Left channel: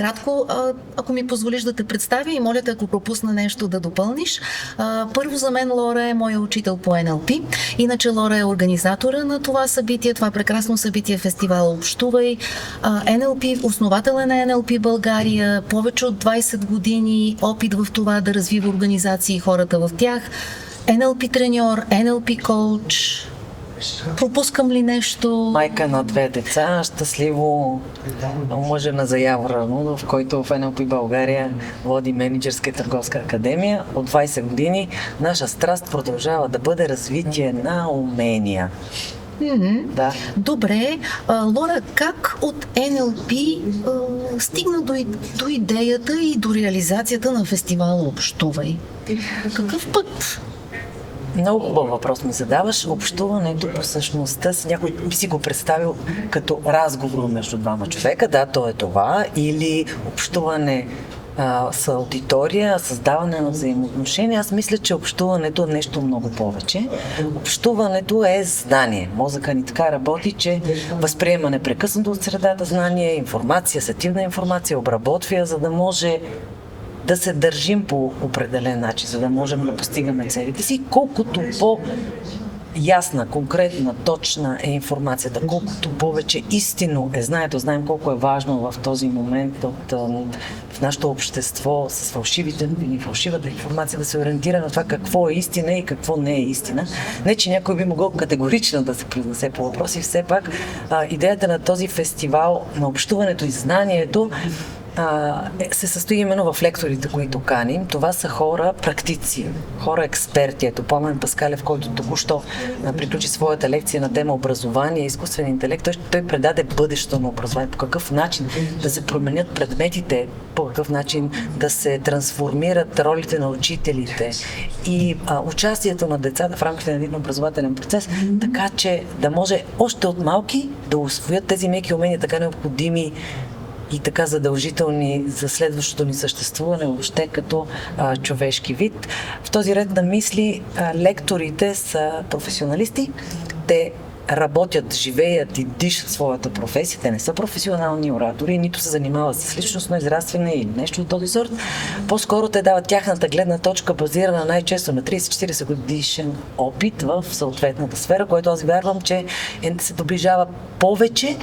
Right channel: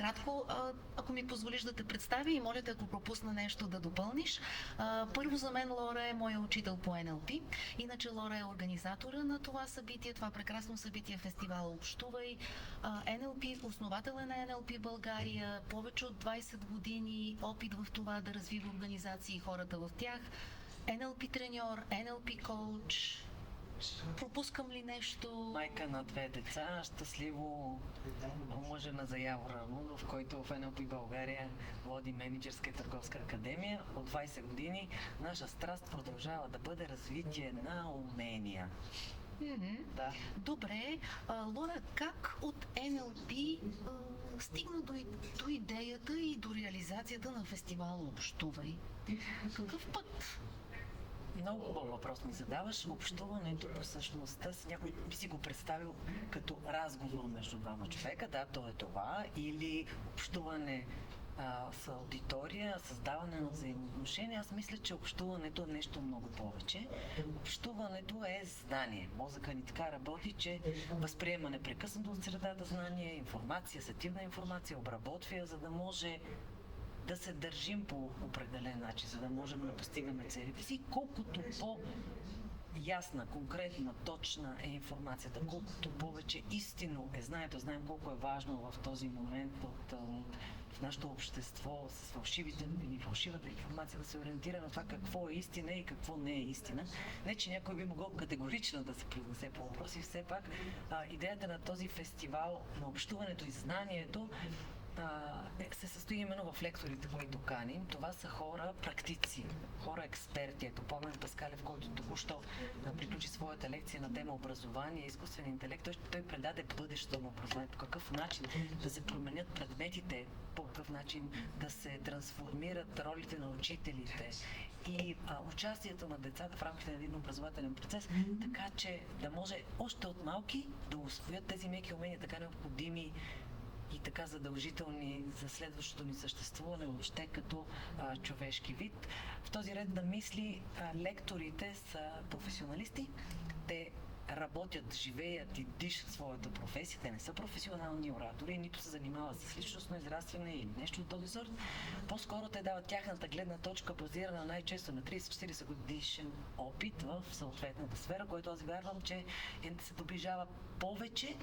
накратко, ако ми позволиш да те представя и моля те, ако пропусна нещо, да допълниш. Първо, за мен Лора е моя учител по NLP. Иначе Лора е организатора на това събитие, това прекрасно събитие, фестивал Общувай. NLP, основател е на NLP България, повече от 20 години опит в това да развива организации и хората в тях. NLP треньор, NLP коуч. Пропускам ли нещо? Майка на 2 деца, щастливо мъже на Заявора, в който в NLP България води менеджерска и търговска академия. От 20 години наша страст продължава да бъде развитие на умения. Да. Добре. Лора, как от NLP стигна до идеята и до реализацията на фестивала Общувай? Какъв път? Много хубав въпрос ми задаваш. Общуването по същността си, някой би си го представил като разговор между двама човека. Да, то е това. Или общуване с аудитория, създаване на взаимоотношения. Аз мисля, че общуването е нещо много повече. Общуването е знание. Мозъка ни така работи, че възприема непрекъснато от средата знание, информация, асертивна информация, обработва я, за да може да се държим по определен начин, за да можем да постигаме целите си. Колкото по-ясна, конкретна, точна е информацията, колкото повече истинно е знанието, знаем колко е важно в този момент в нашето общество с фалшивите новини, фалшивата информация да се ориентира на това какво е истина и какво не е истина. Не, че някой би могъл категорично да се произнесе по въпроси, все пак идеята на този фестивал на общуването и знанието се състои именно в лекторите, които каним. Това са хора практици, хора експерти. Ето Пламен Паскалев, който току-що приключи своята лекция на тема образование и изкуствен интелект, той предаде бъдещето на образование. По какъв начин да се променят предметите, по какъв начин да се трансформират ролите на учителите и участието на децата в рамките на един образователен процес, така че да може още от малки да усвоят тези меки умения, така необходими и така задължителни за следващото ни съществуване въобще като човешки вид. В този ред на мисли лекторите са професионалисти. Те работят, живеят и дишат своята професия. Те не са професионални оратори, нито се занимават с личностно израстване или нещо от този сорт. По-скоро те дават тяхната гледна точка, базирана най-често на 30-40 годишен опит в съответната сфера, което аз вярвам, че се доближава повече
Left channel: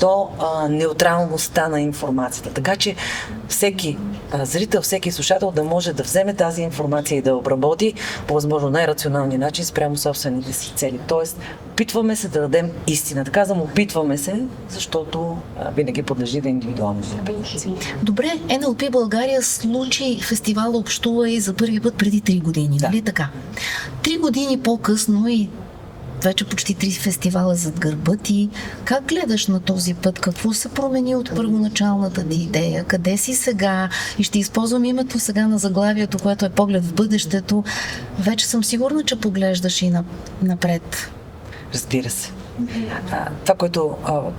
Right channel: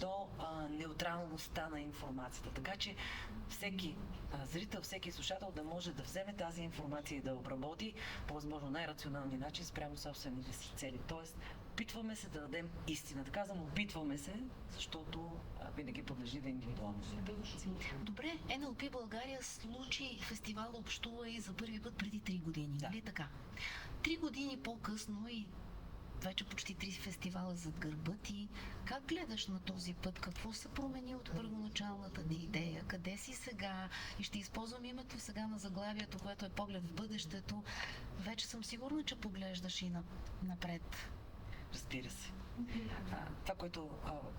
до неутралността на информацията. Така че всеки зрител, всеки слушател да може да вземе тази информация и да обработи по възможно най-рационалния начин спрямо собствените си цели. Тоест, опитваме се да дадем истината. Казвам, опитваме се, защото винаги подлежи да индивидуални интерпретации. Добре, NLP България случи фестивал Общувай за първи път преди 3 години, нали така? 3 години по-късно и вече почти 3 фестивала зад гърба ти. Как гледаш на този път? Какво се промени от първоначалната ти идея? Къде си сега? И ще използвам името сега на заглавието, което е поглед в бъдещето. Вече съм сигурна, че поглеждаш и напред. Разбира се. Това, което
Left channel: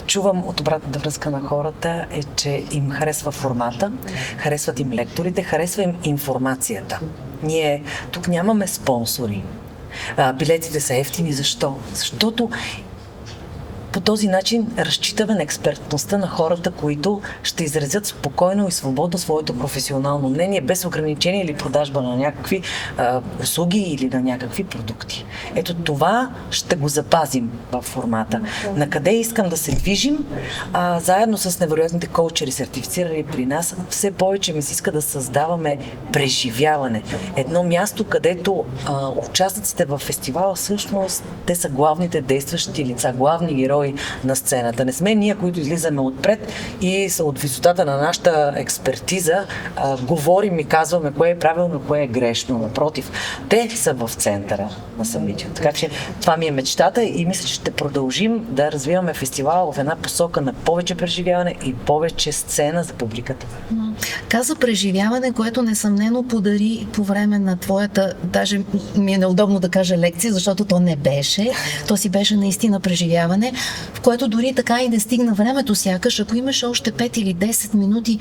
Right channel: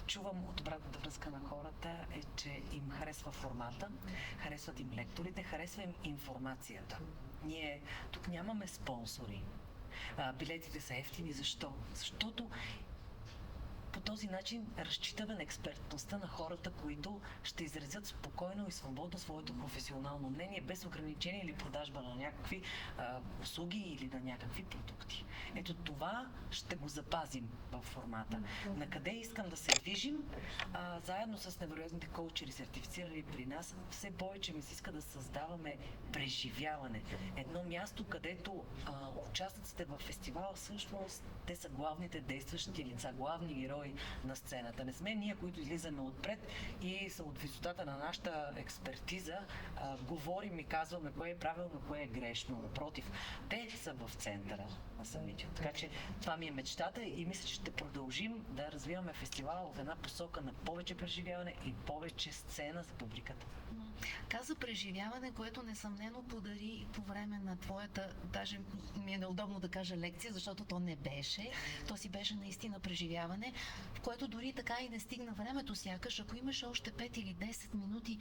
чувам от обратната връзка на хората е, че им харесва формата, харесват им лекторите, харесва им информацията. Ние тук нямаме спонсори. Билетите са ефтини. Защо? Защото по този начин разчитаме на експертността на хората, които ще изразят спокойно и свободно своето професионално мнение, без ограничение или продажба на някакви услуги или на някакви продукти. Ето това ще го запазим в формата. Накъде искам да се движим? Заедно с невероятните коучери, сертифицирани при нас, все повече ми се иска да създаваме преживяване. Едно място, където участниците в фестивала всъщност те са главните действащи лица, главни герои на сцената. Не сме ние, които излизаме отпред и от висотата на нашата експертиза говорим и казваме кое е правилно, кое е грешно. Напротив, те са в центъра на събитието. Така че това ми е мечтата и мисля, че ще продължим да развиваме фестивала в една посока на повече преживяване и повече сцена за публиката. Каза преживяване, което несъмнено подари по време на твоята, даже ми е неудобно да кажа лекция, защото то не беше. То си беше наистина преживяване. в което дори така и не стигна времето сякаш, ако имаш още 5 или 10 минути,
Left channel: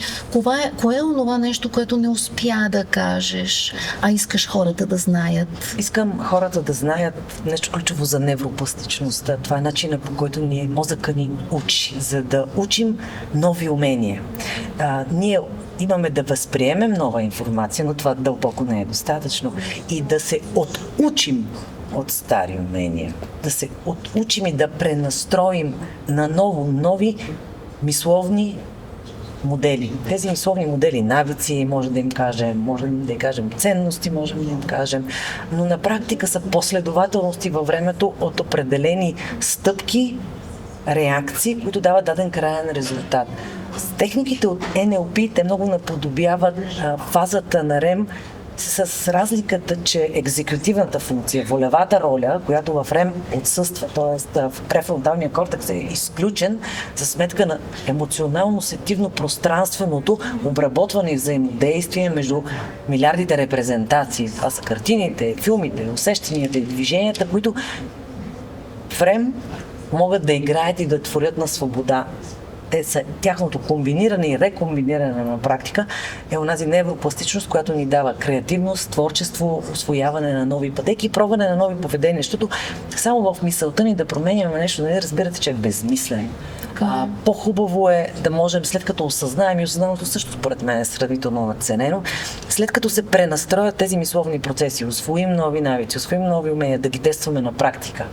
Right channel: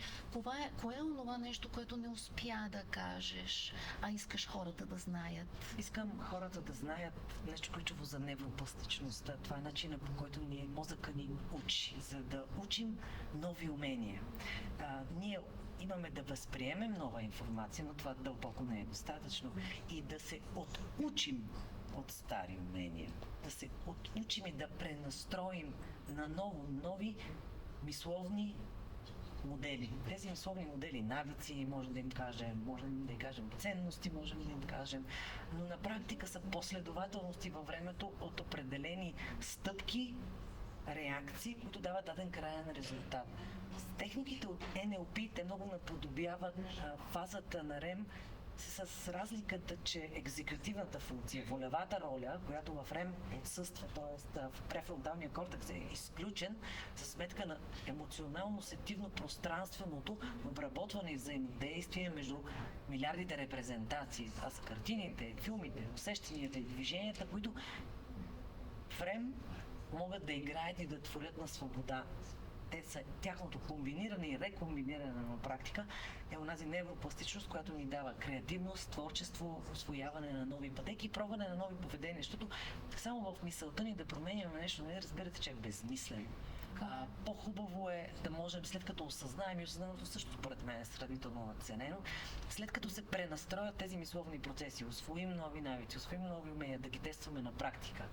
кое е онова нещо, което не успя да кажеш, а искаш хората да знаят? Искам хората да знаят нещо ключово за невропластичността. Това е начинът, по който мозъка ни учи, за да учим нови умения. Ние имаме да възприемем нова информация, но това дълбоко не е достатъчно. И да се отучим от стари умения. Да се отучим и да пренастроим на нови мисловни модели. Тези мисловни модели, навици, можем да им кажем ценности, можем да им кажем, но на практика са последователности във времето от определени стъпки, реакции, които дават даден краен резултат. С техниките от NLP те много наподобяват фазата на REM, с разликата, че екзекутивната функция, волевата роля, която в REM отсъства, т.е. в префронталния кортекс е изключен за сметка на емоционално-сетивно пространственото обработване и взаимодействие между милиардите репрезентации. Това са картините, филмите, усещанията и движенията, които в REM могат да играят и да творят на свобода. Тяхното комбиниране и рекомбиниране на практика е онази невропластичност, която ни дава креативност, творчество, усвояване на нови пътеки и пробване на нови поведения. Защото само в мисълта ни да променяме нещо, не разбирате, че е безмислено. По-хубаво е да можем, след като осъзнаем, и осъзнаното също според мен е сравнително надценено, след като се пренастроят тези мисловни процеси, усвоим нови навици, усвоим нови умения, да ги тестваме на практика.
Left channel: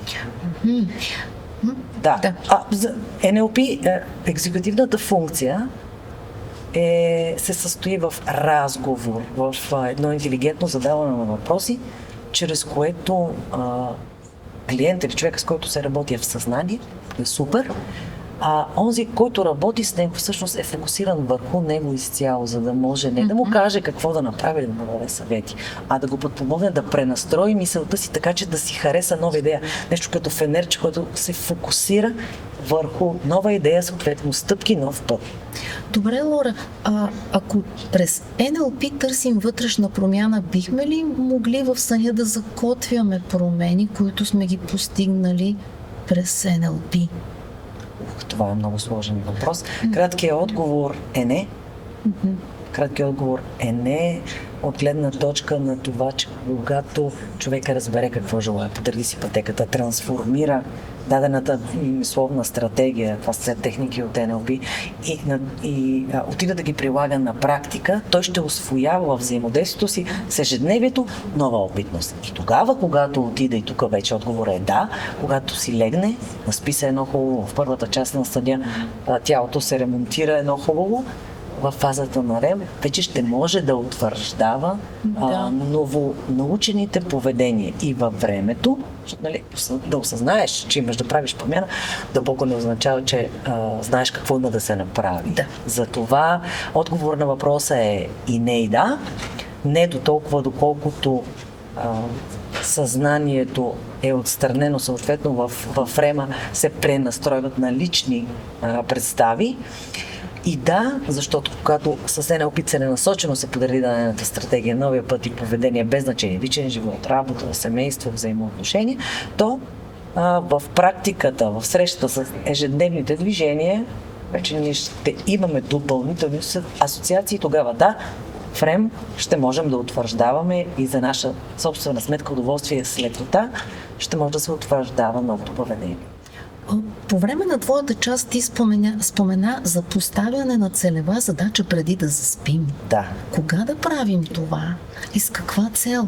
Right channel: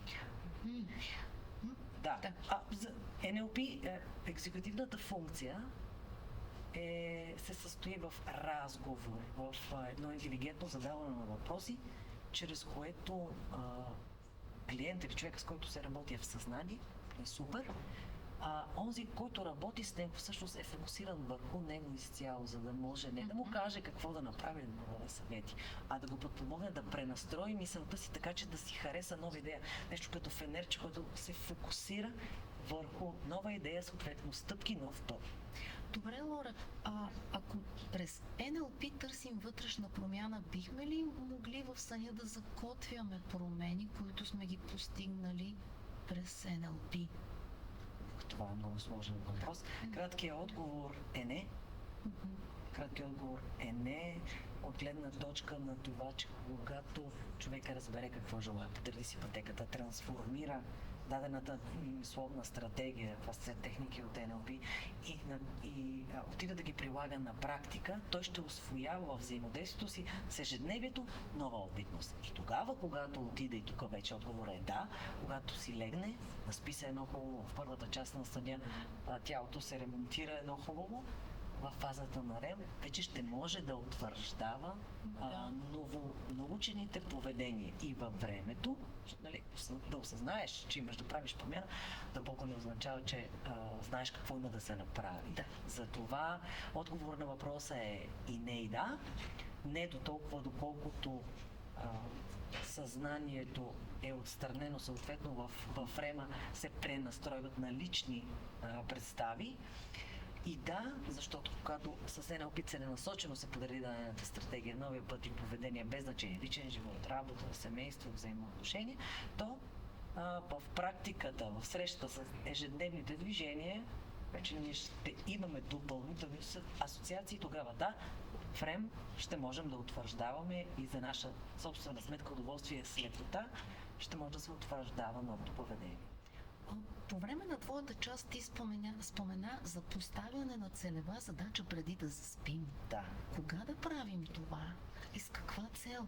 Да. За NLP екзекутивната функция се състои в разговор, в едно интелигентно задаване на въпроси, чрез което клиент или човек, с който се работи, е в съзнание, е супер, а онзи, който работи с него, всъщност е фокусиран върху него изцяло, за да може не да му каже какво да направи, да му даде съвети, а да го подпомогне да пренастрои мисълта си така, че да си хареса нова идея. Нещо като фенерче, което се фокусира върху нова идея, съответно стъпки, нов път. Добре, Лора, ако през NLP търсим вътрешна промяна, бихме ли могли в съня да закотвяме промени, които сме ги постигнали през NLP? Това е много сложен въпрос. Краткият отговор е не. Краткият отговор е не от гледна точка на това, че когато човека разбере какво желая, подреди си пътеката, трансформира дадената мисловна стратегия, това са техники от NLP, и отида да ги прилага на практика, той ще усвоява във взаимодействието си с ежедневието нова опитност. И тогава, когато отида, и тук вече отговор е да, когато си легне, наспи се едно хубаво, в първата част на съня тялото се ремонтира едно хубаво, в фазата на REM, вече ще може да утвърждава новонаучените поведения и във времето, нали, да осъзнаеш, че имаш да правиш промяна, дълбоко не означава, че знаеш какво има да се направи. Да. Затова отговор на въпроса е и не и да, не до толкова, доколкото съзнанието е отстранено, съответно в REM се пренастройват на лични представи. И да, защото когато с NLP целенасочено се подреди дадената стратегия, новия път и поведение, без значение, личен живот, работа, семейство, взаимоотношения, то в практиката, в срещата с ежедневните движения, вече ние ще имаме допълнителни асоциации. Тогава да, в REM ще можем да утвърждаваме и за наша собствена сметка, удоволствие с лекота, ще може да се утвърждава новото поведение. По време на твоята част ти спомена за поставяне на целева задача преди да заспим. Да. Кога да правим това? И с каква цел?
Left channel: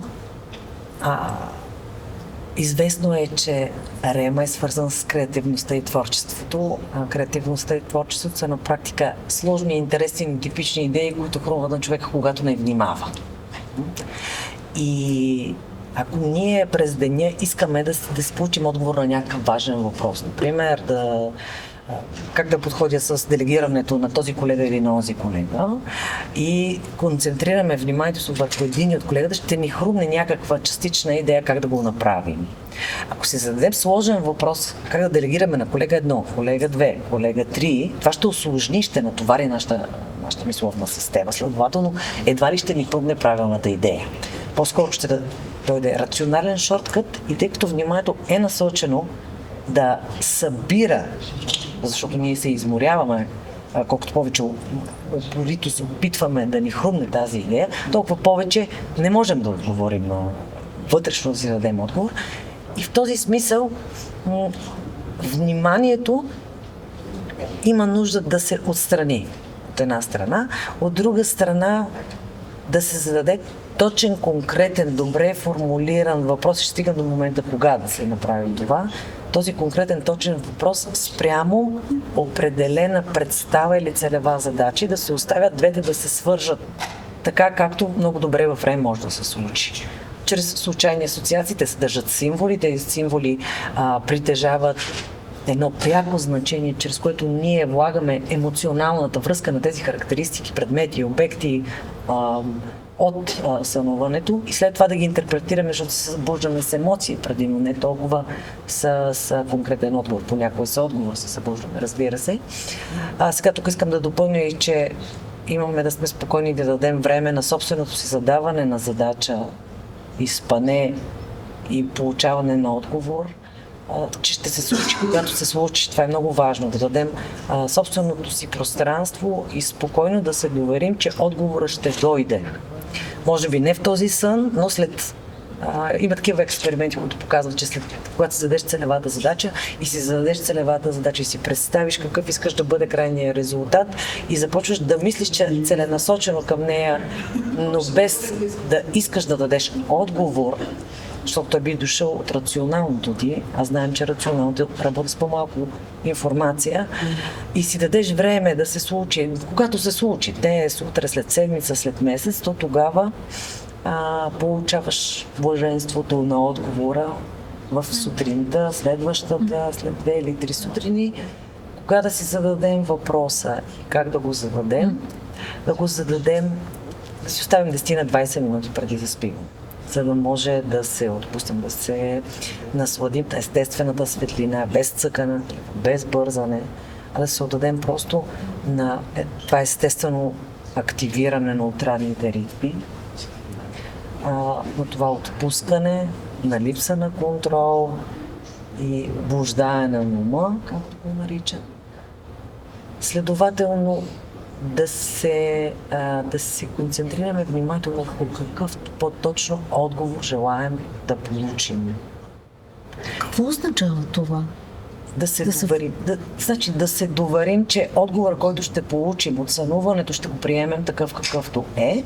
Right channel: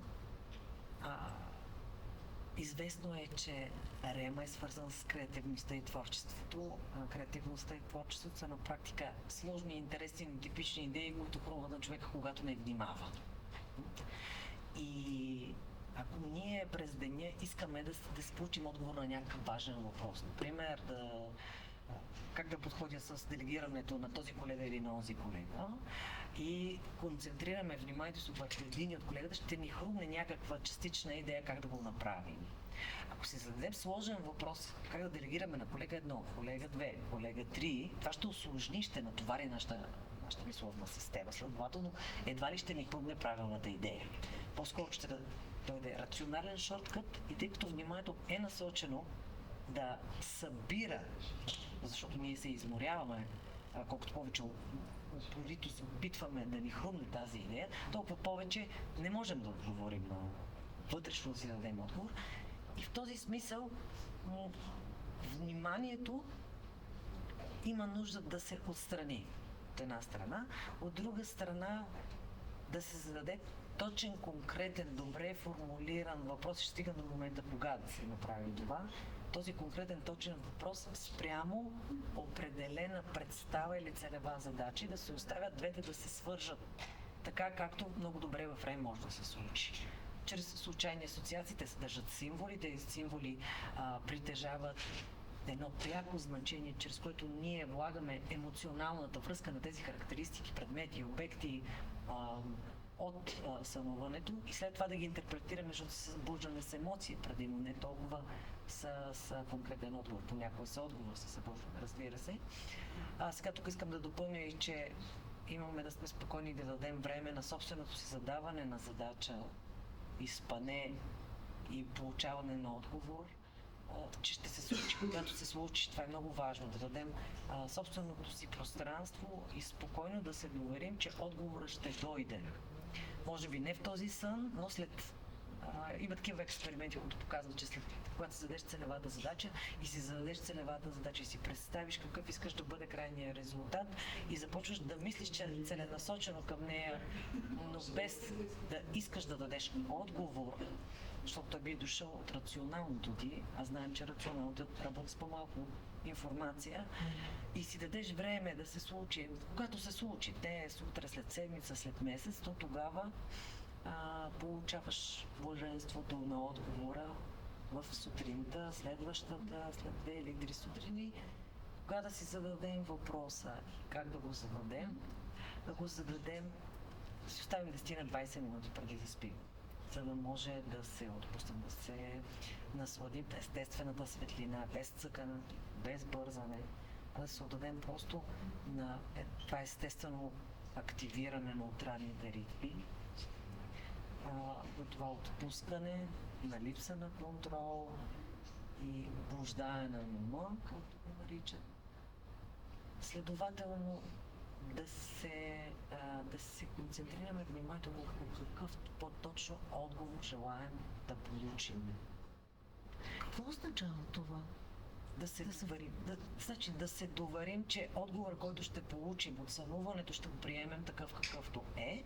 Известно е, че REM е свързан с креативността и творчеството. Креативността и творчеството са на практика сложни, интересни, типични идеи, които хрумват на човека, когато не внимава. И ако ние през деня искаме да си получим отговор на някакъв важен въпрос, например, как да подходя с делегирането на този колега или на този колега, и концентрираме вниманието си върху един от колегата, ще ни хрумне някаква частична идея как да го направим. Ако си зададем сложен въпрос как да делегираме на колега 1, колега 2, колега 3, това ще усложни, ще натовари нашата мисловна система. Следователно, едва ли ще ни пълне правилната идея. По-скоро ще дойде рационален шорткът, и тъй като вниманието е насочено да събира, защото ние се изморяваме, колкото повече упорито се опитваме да ни хрумне тази идея, толкова повече не можем да отговорим вътрешно да си дадем отговор. И в този смисъл вниманието има нужда да се отстрани от една страна, от друга страна да се зададе точен, конкретен, добре формулиран въпрос. Ще стигам до момента кога да се направи това. Този конкретен, точен въпрос спрямо определена представа или целева задача и да се оставят двете да се свържат така, както много добре във време може да се случи. Чрез случайни асоциации те съдържат символи, тези символи притежават едно пряко значение, чрез което ние влагаме емоционалната връзка на тези характеристики, предмети, обекти от сънуването и след това да ги интерпретираме, защото се събуждаме с емоции предимно, не толкова с конкретен отговор. Понякога с отговор се събуждаме, разбира се. Сега тук искам да допълня и, че имаме да сме спокойни да дадем време на собственото си задаване на задача, изпане и получаване на отговор, че ще се случи, когато се случи. Това е много важно, да дадем собственото си пространство и спокойно да се доверим, че отговорът ще дойде. Може би не в този сън, но след... има такива експерименти, които показват, че когато си зададеш целевата задача и си зададеш целевата задача и си представиш какъв искаш да бъде крайният резултат и започваш да мислиш, че е целенасочено към нея, но без да искаш да дадеш отговор, защото той би дошъл от рационалното ти, а знаем, че рационалното работи с по-малко информация и си дадеш време да се случи. Когато се случи, днес, утре, след седмица, след месец, то тогава получаваш блаженството на отговора в сутринта, следващата, след 2 или 3 сутрини, кога да си зададем въпроса и как да го зададем, да си оставим 10 на 20 минути преди да спим, за да може да се отпустим, да се насладим на естествената светлина, без цъкане, без бързане, а да се отдадем просто на това естествено активиране на отрадните ритми, на това отпускане, на липса на контрол и блуждаене на ума, както го наричат. Следователно, да се концентрираме внимателно върху какъв по-точно отговор желаем да получим. Какво означава това? Да се доверим, че отговор, който ще получим от сънуването, ще го приемем такъв какъвто е,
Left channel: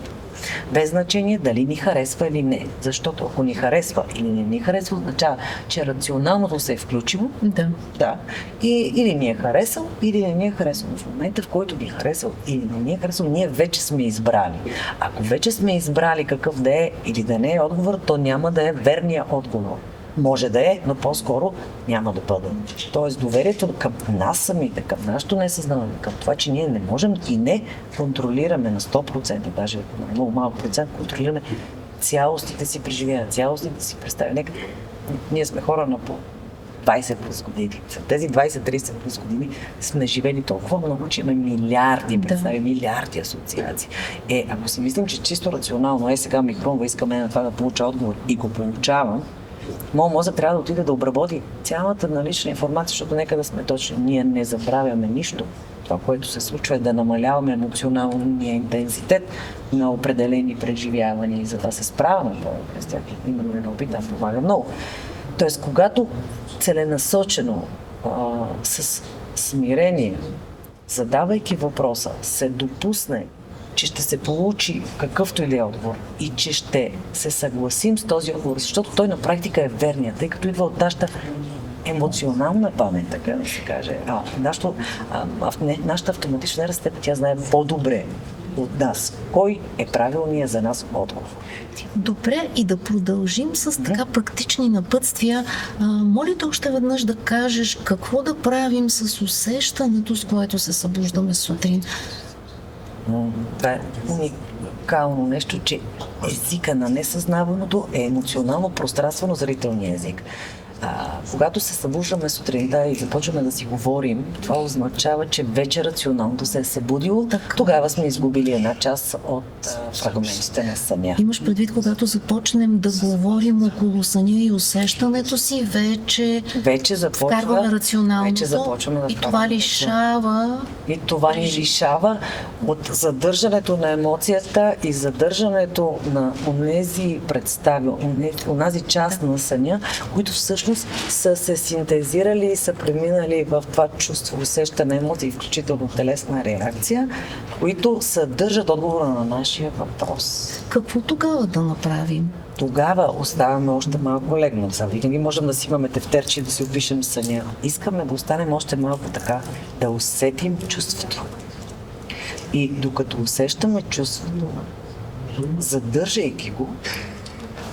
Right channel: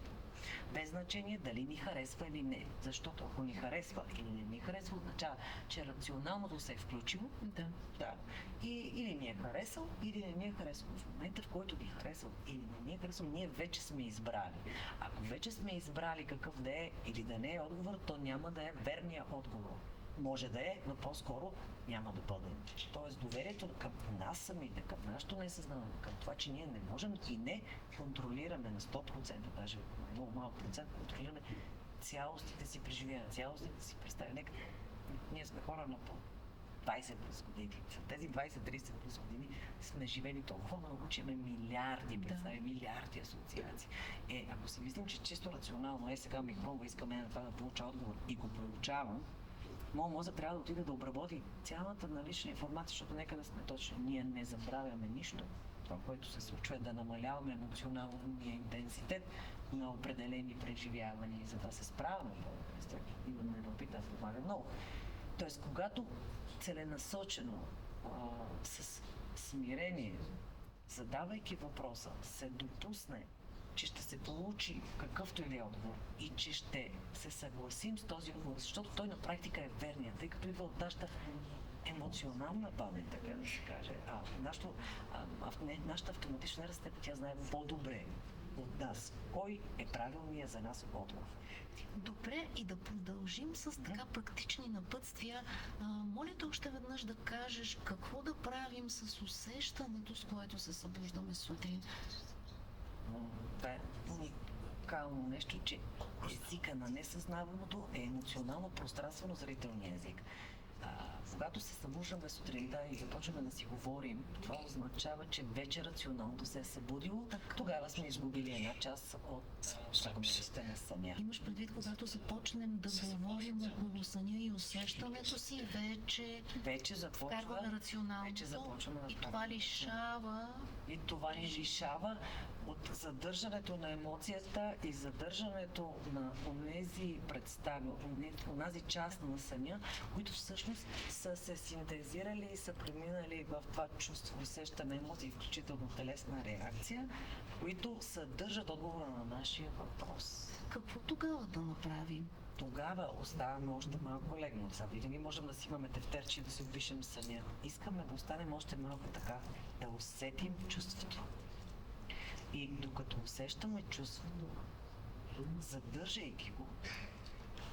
без значение дали ни харесва или не. Защото ако ни харесва или не ни харесва, означава, че рационалното се е включило. Да. И или ни е харесал, или не ни е харесал. В момента, в който ни е харесал или не ни е харесал, ние вече сме избрали. Ако вече сме избрали какъв да е или да не е отговор, то няма да е верният отговор. Може да е, но по-скоро няма да бъде. Тоест доверието към нас самите, към нашето несъзнаване, към това, че ние не можем и не контролираме на 100%, даже на много малък процент, контролираме цялостите си преживявания, цялостите си представи. Ние сме хора на по 20 плюс години. След тези 20-30 плюс години сме живели толкова много, че имаме милиарди представи, милиарди асоциации. Ако си мислим, че чисто рационално, сега ми хрумва, искаме на това да получа отговор и го получавам, моят мозък трябва да отиде да обработи цялата налична информация, защото нека да сме точни. Ние не забравяме нищо. Това, което се случва, е да намаляваме емоционалния интензитет на определени преживявания и за да се справяме с тях. Именно не опитам, помага много. Тоест, когато целенасочено, с смирение, задавайки въпроса, се допусне, че ще се получи какъвто или отговор и че ще се съгласим с този отговор, защото той на практика е верният, тъй като идва от нашата емоционална памет, така да се каже. Нашата автоматична нервна система, тя знае по-добре от нас. Кой е правилният за нас отговор? Добре, и да продължим с така практични напътствия. Моля те още веднъж да кажеш какво да правим с усещането, с което се събуждаме сутрин. Това е уникално нещо, че езика на несъзнаваното е емоционално пространствено зрителния език. Когато се събуждаме сутринта и започваме да си говорим, това означава, че вече рационалното се е събудило. Тогава сме изгубили една част от фрагментите на съня. Имаш предвид, когато започнем да говорим около съня и усещането си, вече вкарваме рационалното вече започваме да и това лишава... И това ни лишава от задържането на емоцията и задържането на онези представи, онази част на съня, които всъщност са се синтезирали и са преминали в това чувство, усещане, емоции, включително телесна реакция, които съдържат отговора на нашия въпрос. Какво тогава да направим? Тогава оставаме още малко легнат. Винаги можем да си имаме тефтерче и да си опишем съня. Искаме да останем още малко така, да усетим чувството. И докато усещаме чувството, задържайки го,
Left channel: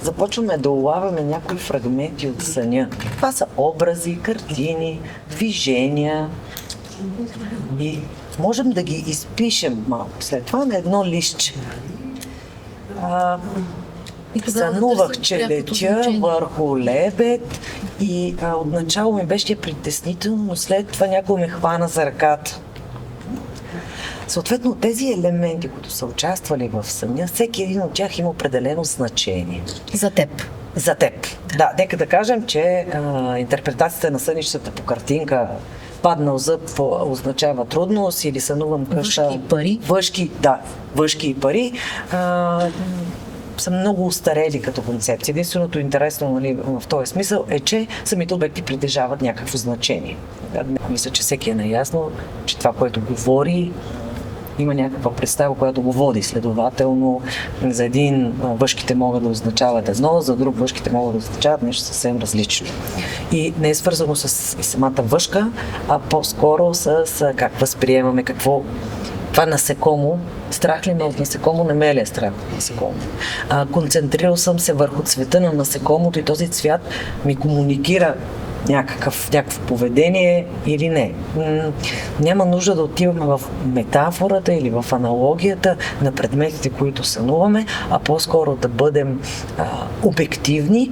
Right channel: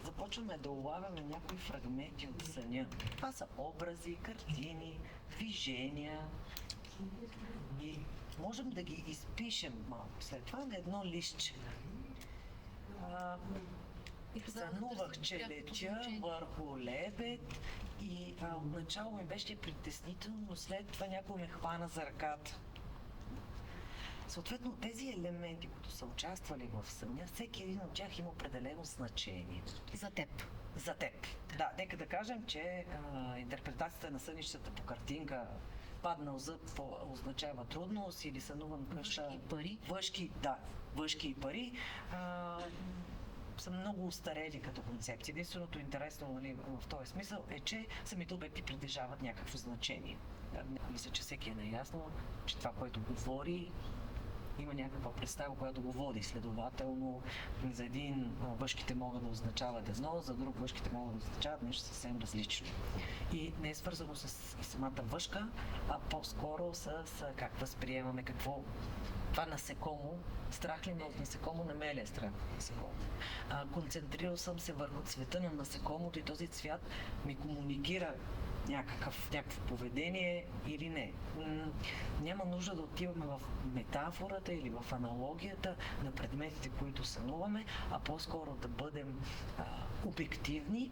започваме да улавяме някои фрагменти от съня. Това са образи, картини, движения. И можем да ги изпишем малко след това на едно листче. Сънувах, че летя върху лебед и отначало ми беше притеснително, но след това някой ме хвана за ръката. Съответно, тези елементи, които са участвали в съня, всеки един от тях има определено значение. За теб. За теб. Да, нека да кажем, че интерпретацията на сънищата по картинка паднал зъб означава трудност или сънувам къща... Въшки и пари. Въшки и пари. Са много устарели като концепция. Единственото интересно, нали, в този смисъл е, че самите обекти притежават някакво значение. Мисля, че всеки е наясно, че това, което говори, има някаква представа, която го води. Следователно, за един въшките могат да означават едно, за друг въшките могат да означават нещо съвсем различно. И не е свързано с самата въшка, а по-скоро с как възприемаме, какво това насекомо. Страх ли ме от насекомо? Не ме ли е страх от насекомо? Концентрирал съм се върху цвета на насекомото и този цвят ми комуникира някакво поведение или не. Няма нужда да отиваме в метафората или в аналогията на предметите, които сънуваме, а по-скоро да бъдем обективни,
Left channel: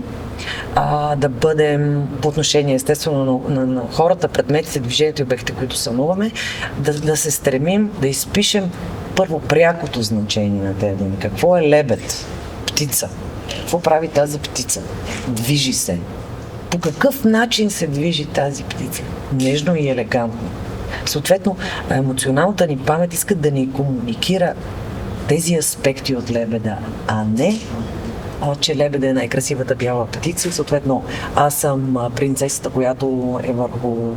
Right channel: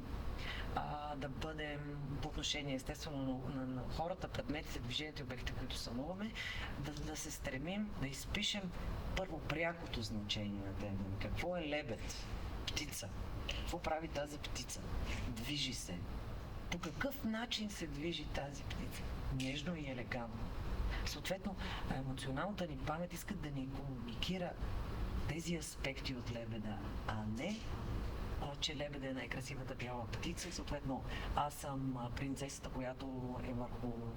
да бъдем по отношение естествено на хората, предметите, движението и обектите, които сънуваме, да се стремим да изпишем първо прякото значение на тези думи. Какво е лебед? Птица. Какво прави тази птица? Движи се. По какъв начин се движи тази птица? Нежно и елегантно. Съответно, емоционалната ни памет иска да ни комуникира тези аспекти от лебеда, а не че лебеда е най-красивата бяла птица. Съответно, аз съм принцесата, която е върху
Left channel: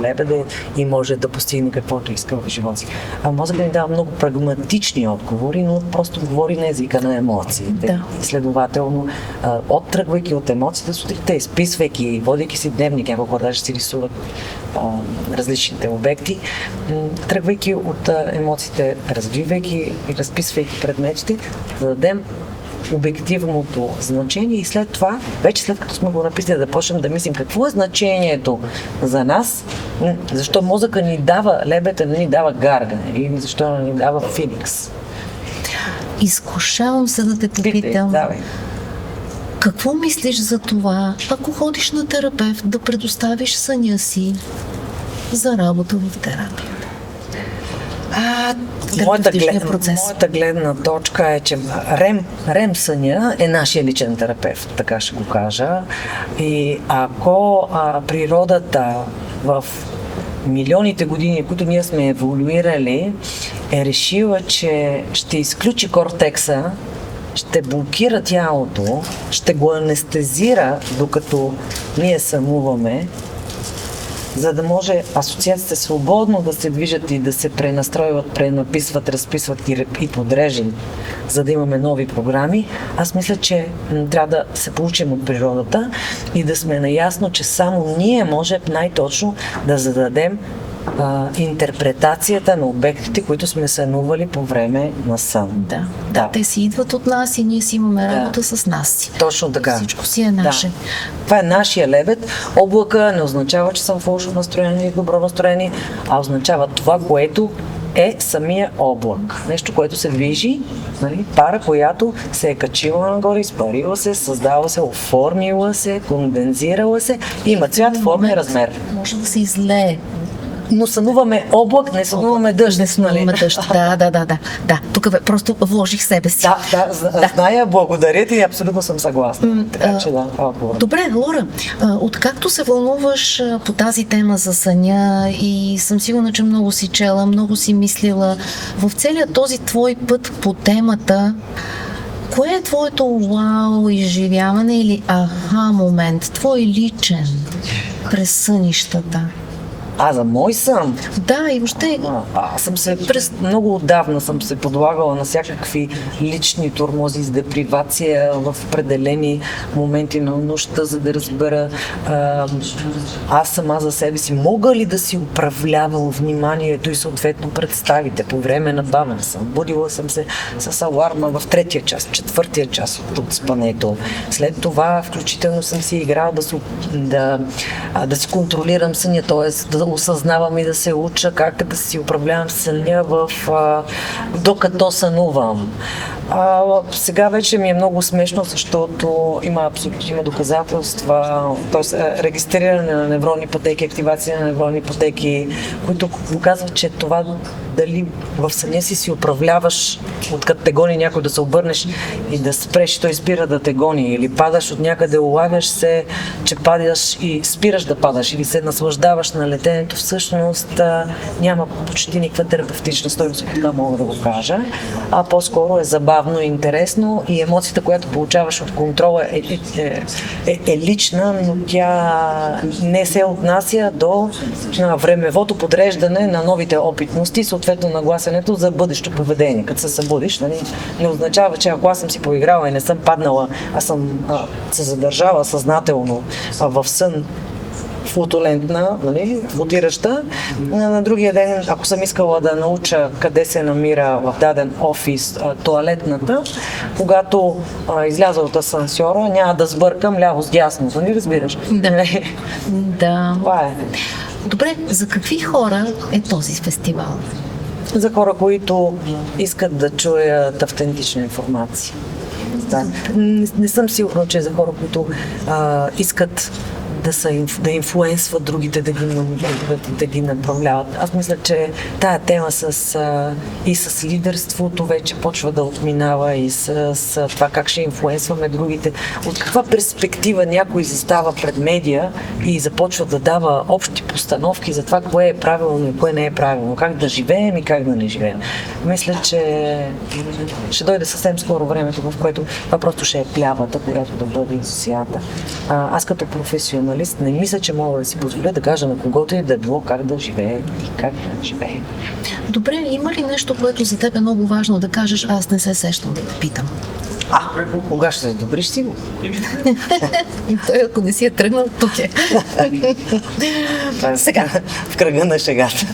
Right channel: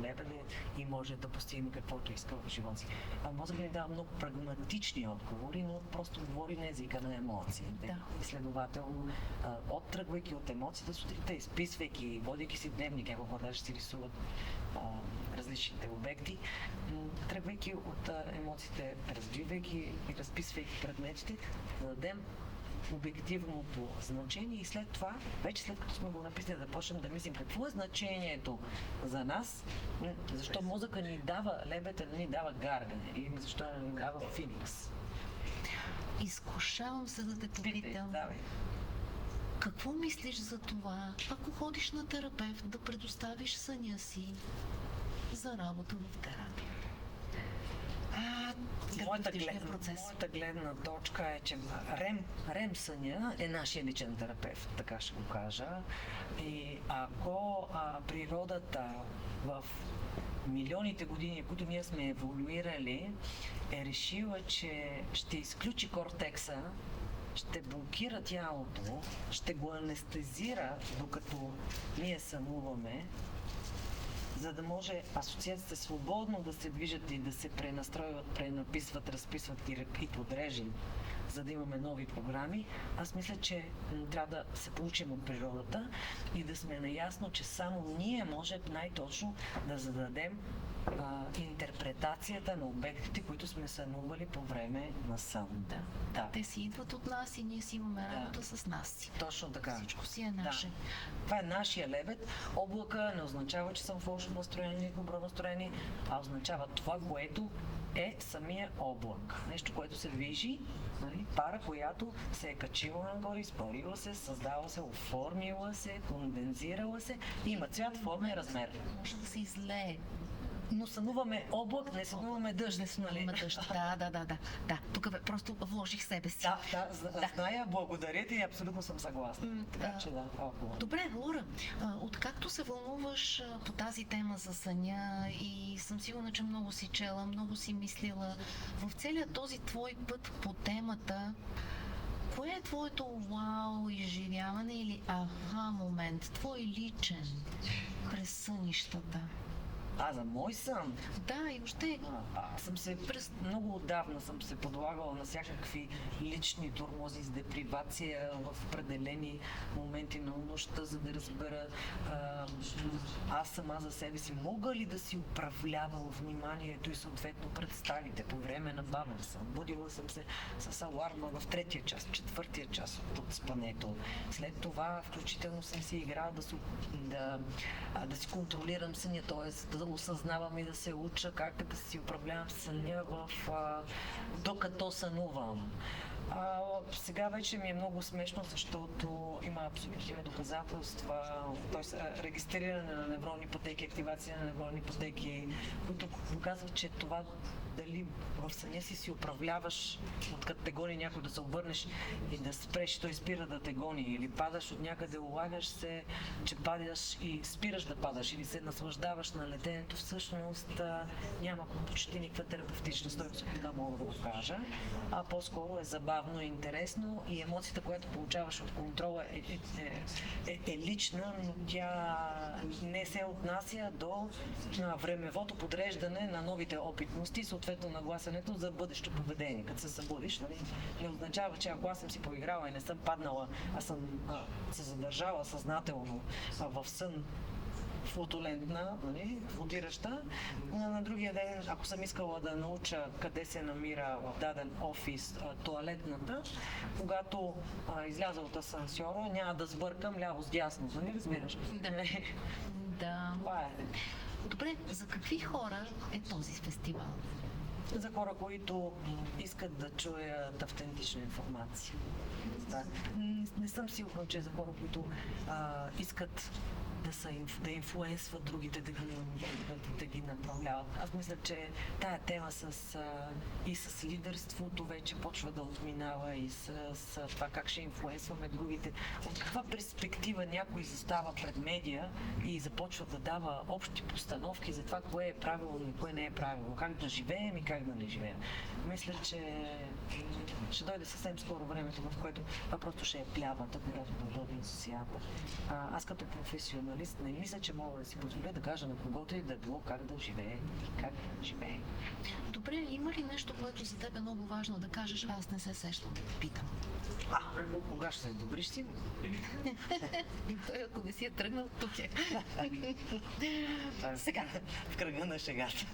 лебеда и може да постигне каквото иска в живота си. Мозъкът ни дава много прагматични отговори, но просто говори на езика на емоциите. Да. Следователно, оттръгвайки от емоциите сутринта, изписвайки, водейки си дневник, няколко даже си рисуват различните обекти, тръгвайки от емоциите, развивайки и разписвайки предметите, да дадем обективното значение и след това, вече след като сме го написали, да почнем да мислим какво е значението за нас, защо мозъка ни дава лебета, не ни дава гаргане или защо не ни дава феникс. Изкушавам се да те попитам. Какво мислиш за това, ако ходиш на терапевт, да предоставиш съня си за работа в терапия? Моята гледна точка е, че REM съня е нашия личен терапевт, така ще го кажа. И ако природата в милионите години, които ние сме еволюирали, е решила, че ще изключи кортекса, ще блокира тялото, ще го анестезира, докато ние сънуваме, за да може асоциациите свободно да се движат и да се пренастройват, пренаписват, разписват и подрежат, за да имаме нови програми. Аз мисля, че трябва да се получим от природата и да сме наясно, че само ние може най-точно да зададем интерпретацията на обектите, които сме сънували по време на сън. Да, те си идват от нас и ние си имаме работа с нас си. Точно така. Всичко си е наше. Да. Това е нашия лебед. Облака не означава, че съм в лошо настроение или добро настроение, а означава това, което е самия облак. Нещо, което се движи, нали? Пара, която се е качила нагоре, изпарила се, създала се, оформила се, кондензирала се, има цвят, форма и размер. Може да се излее. Но сънуваме облак, не сънуваме дъжд. Не сънуваме дъжд. Да. Тук просто вложих себе си. Зная, благодаря ти и абсолютно съм съгласна. Така че да, това е отговор. Добре, Лора, откакто се вълнуваш по тази тема за съня и съм сигурна, че много си чела, много си мислила, в целият този твой път по темата, кое е твоето вау изживяване или аха момент, твой личен през сънищата? За мой сън? Да, и въобще... Аз съм се много отдавна съм се подлагала на всякакви лични тормози с депривация в определени моменти на нощта, за да разбера аз сама за себе си мога ли да си управлявам вниманието и съответно представите по време на бавене съм. Будила съм се с аларма в третия час, четвъртия час от спането. След това включително съм си играла да си контролирам съня, т.е. да осъзнавам и да се уча как да си управлявам съня докато сънувам. Сега вече ми е много смешно, защото има доказателства, т.е. регистриране на невронни пътеки, активация на невронни пътеки, които показват, че това дали в съня си управляваш, откъде те гони някой да се обърнеш и да спреш, той спира да те гони, или падаш от някъде, улавяш се, че падаш и спираш да падаш, или се наслаждаваш на летенето, всъщност няма почти никаква терапевтична стойност, така мога да го кажа, а по-скоро е забавно и интересно и емоцията, която получаваш от контрола е лична, но тя не се отнася до времевото подреждане на новите опитности, съответно нагласенето за бъдещо поведение. Като се събудиш, нали, не означава, че ако аз съм си поиграла и не съм паднала, аз съм се задържала съзнателно в сън, флутулентна, нали, флутираща. На другия ден, ако съм искала да науча къде се намира в даден офис тоалетната, когато изляза от асансьора, няма да сбъркам ляво с дясно. Нали разбираш? Да. Това е. Добре, за какви хора е този фестивал? За хора, които искат да чуят автентична информация. Да. Не съм сигурна, че за хора, които искат да инфлуенсват другите, да ги направляват. Аз мисля, че тая тема и с лидерството вече почва да отминава и с това как ще инфлуенсваме другите. От каква перспектива някой застава пред медия и започва да дава общи постановки за това, кое е правилно и кое не е правилно, как да живеем и как да не живеем. Мисля, че ще дойде съвсем скоро времето, в което това просто ще е плявата, която да бъде асоциата. Аз като професионалист не мисля, че мога да си позволя да кажа на когото и да било как да живее и как да живее. Добре, има ли нещо, което за теб е много важно да кажеш, аз не се сещам да те питам? Кога ще се добриш си го? Той, ако не си е тръгнал, тук е. Сега. В кръга на шегата.